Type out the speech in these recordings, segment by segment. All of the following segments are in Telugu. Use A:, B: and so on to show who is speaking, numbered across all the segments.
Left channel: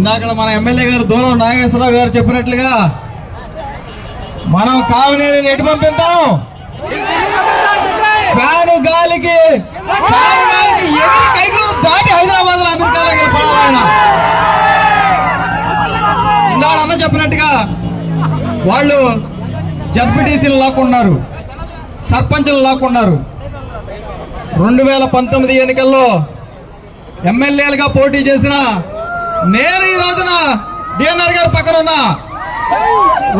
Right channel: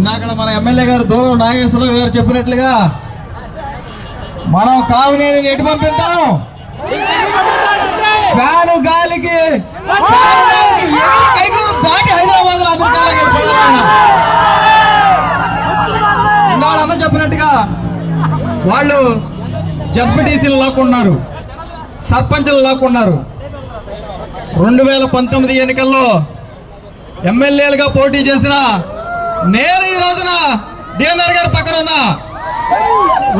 A: ఎమ్మెల్యే గారు దూరం నాగేశ్వరరావు గారు చెప్పినట్లుగా మనం కావునేని ఎటు పంపిద్దాం ఫ్యాను గాలికి ఫ్యాను గాలికి ఎగిరి కైకులు దాటి హైదరాబాద్లో అమెరికాలో వెళ్ళిపోయాలి ఇందాడు చెప్పినట్టుగా వాళ్ళు జడ్పీటీసీలు లాక్కున్నారు సర్పంచ్లు లాక్కున్నారు. రెండు వేల పంతొమ్మిది ఎన్నికల్లో ఎమ్మెల్యేలుగా పోటీ చేసిన నేను ఈ రోజున డిఎన్ఆర్ గారి పక్కన ఉన్నా.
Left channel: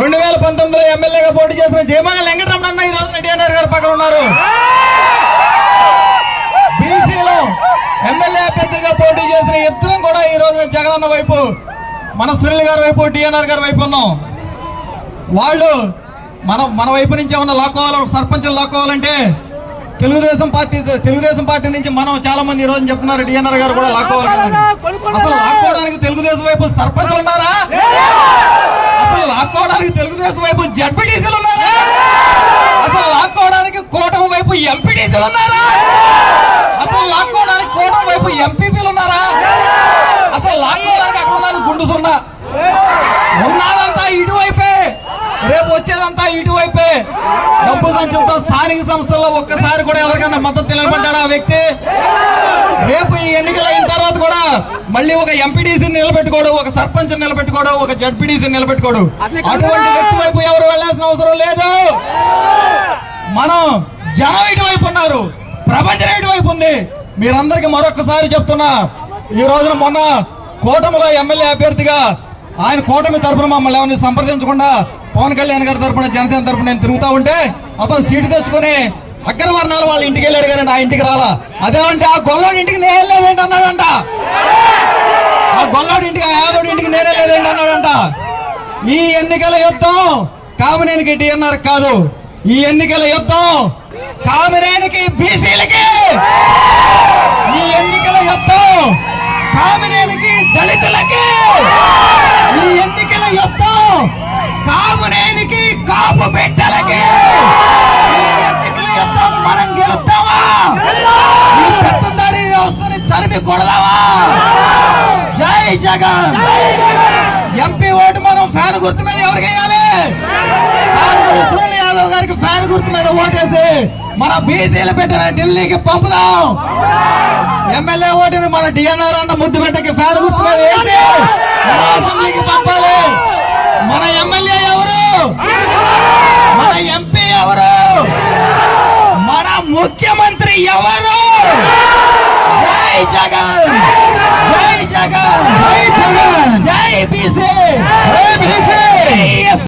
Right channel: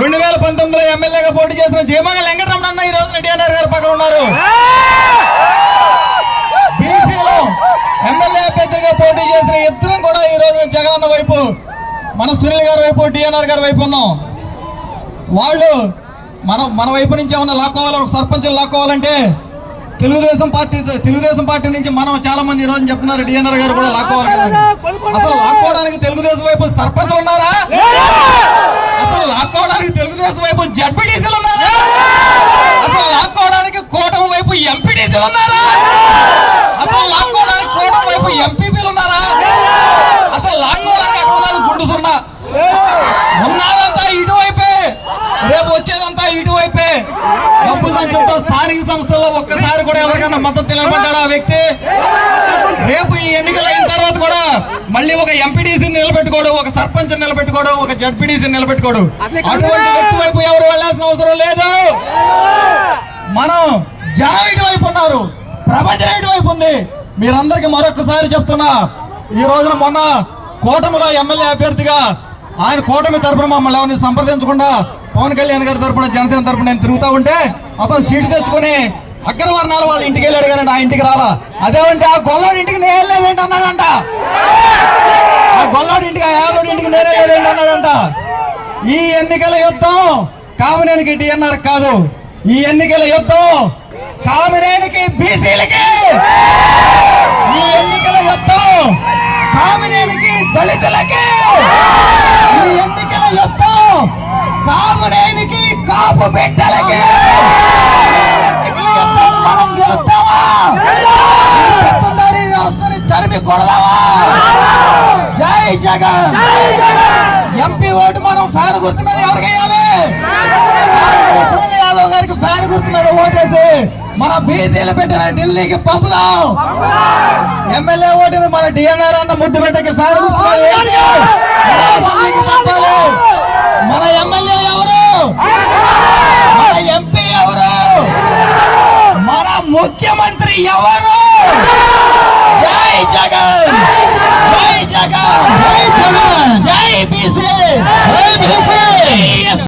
A: రెండు వేల పంతొమ్మిదిలో ఎమ్మెల్యేగా పోటీ చేసిన జయమంగళ వెంకటరమణ ఈ రోజున డిఎన్ఆర్ గారి పక్కన ఉన్నారు. బీసీలో ఎమ్మెల్యే అభ్యర్థిగా పోటీ చేసిన ఇద్దరం కూడా ఈ రోజున జగనన్న వైపు మన సునీల్ గారి వైపు డిఎన్ఆర్ గారి వైపు ఉన్నాం. వాళ్ళు మనం మన వైపు నుంచి ఏమన్నా లాక్కోవాలి? ఒక సర్పంచులు లాక్కోవాలంటే తెలుగుదేశం పార్టీ తెలుగుదేశం పార్టీ నుంచి మనం చాలా మంది ఈ రోజు చెప్తున్నారు డిఎన్ఆర్ గారు కూడా లాక్కోవాలి. అసలు లాక్కోవడానికి తెలుగుదేశం వైపు సర్పంచ్ ఉన్నారా? అసలు లాక్కోవడానికి తెలుగుదేశం వైపు జడ్పీటీసీలు ఉన్నారా? అసలు లాక్కోవడానికి కూటమి వైపు ఎంపీటీసీలు ఉన్నారా? అసలు లాక్కోవడానికి కూటమి వైపు ఎంపీపీలు ఉన్నారా? అసలు లాక్కోవడానికి అక్కడ ఉన్నది గుండు సున్నా ఉన్నదంతా ఇటువైపే. రేపు వచ్చేదంతా ఇటువైపే. డబ్బు సంచులతో స్థానిక సంస్థల్లో ఒక్కసారి కూడా ఎవరికైనా మద్దతు నిలబడ్డాడా ఆ వ్యక్తి రేపు ఈ ఎన్నికలు అయిన తర్వాత కూడా మళ్ళీ ఒక ఎంపీడీసీని నిలబెట్టుకోడు ఒక సర్పంచ్ నిలబెట్టుకోడు ఒక జడ్పీడీసీని నిలబెట్టుకోడు. అటువంటి వ్యక్తి వైపు ఎవరు వెళ్ళాల్సిన అవసరం లేదు. మనం జనం ఇటువైపు ఉన్నారు ప్రపంచం ఇటువైపు ఉంది. మీరందరికీ మరొకసారి చెప్తున్నా ఈ రోజున మొన్న కూటమిలో ఎమ్మెల్యే అభ్యర్థిగా ఆయన కూటమి తరపున మమ్మల్ని ఎవరిని సంప్రదించకుండా పవన్ కళ్యాణ్ గారి తరపున జనసేన తరపున నేను తిరుగుతా ఉంటే అతను సీటు తెచ్చుకొని అగ్రవర్ణాలు వాళ్ళ ఇంటికి వెళ్ళాడు కానీ నా ఇంటికి రాలా. అదేమంటే ఆ గొల్లోడి ఇంటికి నేను వెళ్ళలేదేంటి అన్నాడంట. గొల్లోడి ఇంటికి యాదోడి ఇంటికి నేనే అన్నాడంట. ఈ ఎన్నికల యుద్ధం కామినేనికి డిఎన్ఆర్ కాదు. ఈ ఎన్నికల యుద్ధం కామినేనికి బీసీలకి ఈ ఎన్నికల యుద్ధం కామినేనికి దళితులకి. ఈ ఎన్నికల యుద్ధం కామినేనికి కాపు పెట్ట జగన్! ఎంపీ ఓటు మనం ఫ్యాన్ గుర్తు మీద ఎవరికి వేయాలి? సునీల్ యాదవ్ గారికి ఫ్యాన్ గుర్తు మీద ఓటేసి మన బీసీలు పెట్టిన ఢిల్లీకి పంపుదాం. ఎమ్మెల్యే ఓటుని మన డిఎన్ఆర్ అన్న ముద్దు బిడ్డకి ఫ్యాన్ గుర్తు మీద వేసి